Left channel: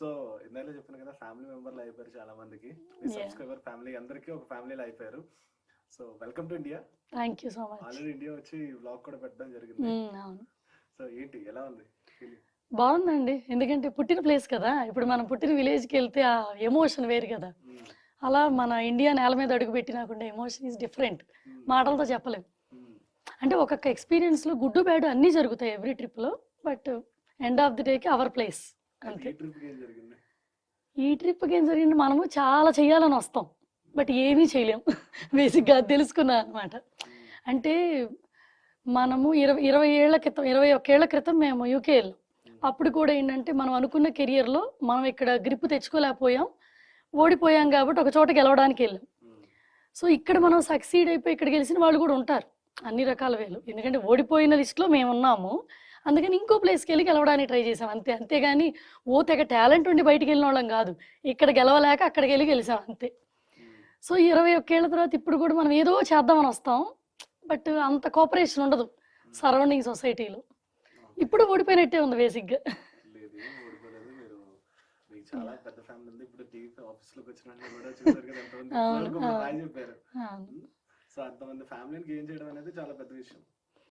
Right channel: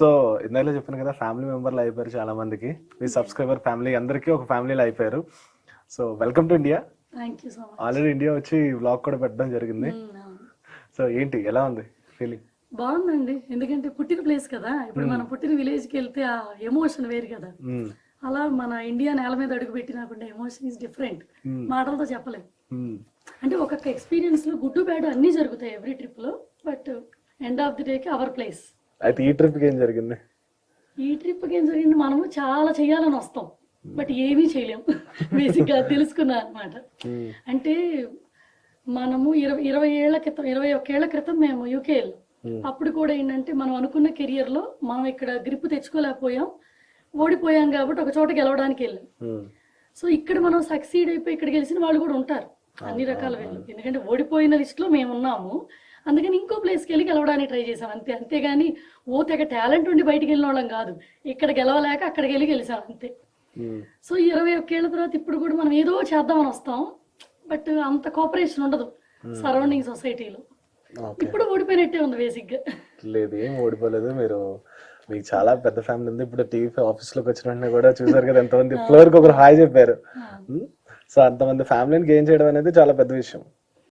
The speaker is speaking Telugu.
సో ఇందాక చెప్పాను కదా, ఫ్యామిలీ మెంబర్లు అయిపోయారు చాలా మందికి. మీ సబ్స్క్రైబర్ ఫ్యామిలీ అందరికీ ఒక ఫ్యామిలీలో అయిపోయారు. So welcome to India. Thank you so much. Already India వచ్చి వ్లాగ్ కూడా పెట్టడం జరిగింది. సో ఏంటి, ఎలా ఉంది ఫీలింగ్? బాగుందండి, ఎందుకంటే పుట్టిన ప్లేస్ కదా. ఇప్పుడు మనం పుట్టిన విలేజ్ కి వెళ్తే ఆ ఎమోషన్ వేరు కదా. అలా మన ఇండియా నేల మీద అడుగు పెట్టినాకుండా ఎమోషన్ ఈస్ డిఫరెంట్, మాటలతో చెప్పలేము. అంటే ఒక్కొక్క ఎక్స్పీరియన్స్ లో గుడ్ బ్యాడ్ అన్ని జరుగుతాయి ఎవ్రీ ట్రిప్ లో, but end of the day కి అవర్ ప్లేస్. అయితే ఈ ట్రిప్ కి ఏం జరిగింది? ఈ ట్రిప్ కి ఏం జరిగింది, మనము చాలా చేయాలని వస్తాం బట్ ఏమీ చేయలేము. బేసిక్ గా తెలుసుకున్నా అనమాట. అంటే మనము 21 ఏళ్ల క్రితం మేము యూకే వెళ్ళాం. అప్పుడు కూడా ఏంటంటే మనం అనుకున్న కెరియర్ లో మనం ఇక్కడ గ్రిప్ తెచ్చుకోలేకపోయాం, ఓడిపోయాం కాబట్టి ఒక చోట గెలవడానికి వెళ్ళాం. సో ఇక్కడ మనం సక్సీడ్ అయిపోయి ఇక్కడ గెలిచిన వాళ్ళు కూడా ఉంటారు అన్ని రకాల వేలు. ఎందుకంటే ఓడిపోయిన లిస్ట్ లో మేము ఉన్నాము, అందుకని ఇంకో ప్లేస్కి వెళ్ళి గెలవడానికి ట్రై చేసాం అంతే. అంతేగాని ఓ తెగ టాలెంట్ ఉండి బయటికి వెళ్ళిన వాళ్ళం కాదు, ఇక్కడ గెలవలేక అక్కడికి వెళ్ళి గెలిచాం అంతే. సో 21 ఏళ్ల తర్వాత ఇప్పుడు కూడా మనం ఏదో చేద్దామని వస్తాం, బట్ అంత కోఆపరేషన్ ఉండదు సరౌండింగ్ సొసైటీలో. ఇప్పుడు ఓడిపోయినట్టే ఉంది బేసిక్ గా. లేదు, ఏం ఓడిపోలేదు. మీకు చాలా పెద్ద ఫ్యామిలీ ఉంది. ఇప్పుడు టీవీ ఆఫీస్ లోకి వచ్చిన వెంటనే కూడా చూసారు కదా, ఎంతమంది ఫ్లోర్ కి ఒకరు హాయ్ చెప్పారు. సో అంతమంది ఫ్యామిలీని గెయిన్ చేయడం అనేది చాలా పెద్ద విషయం.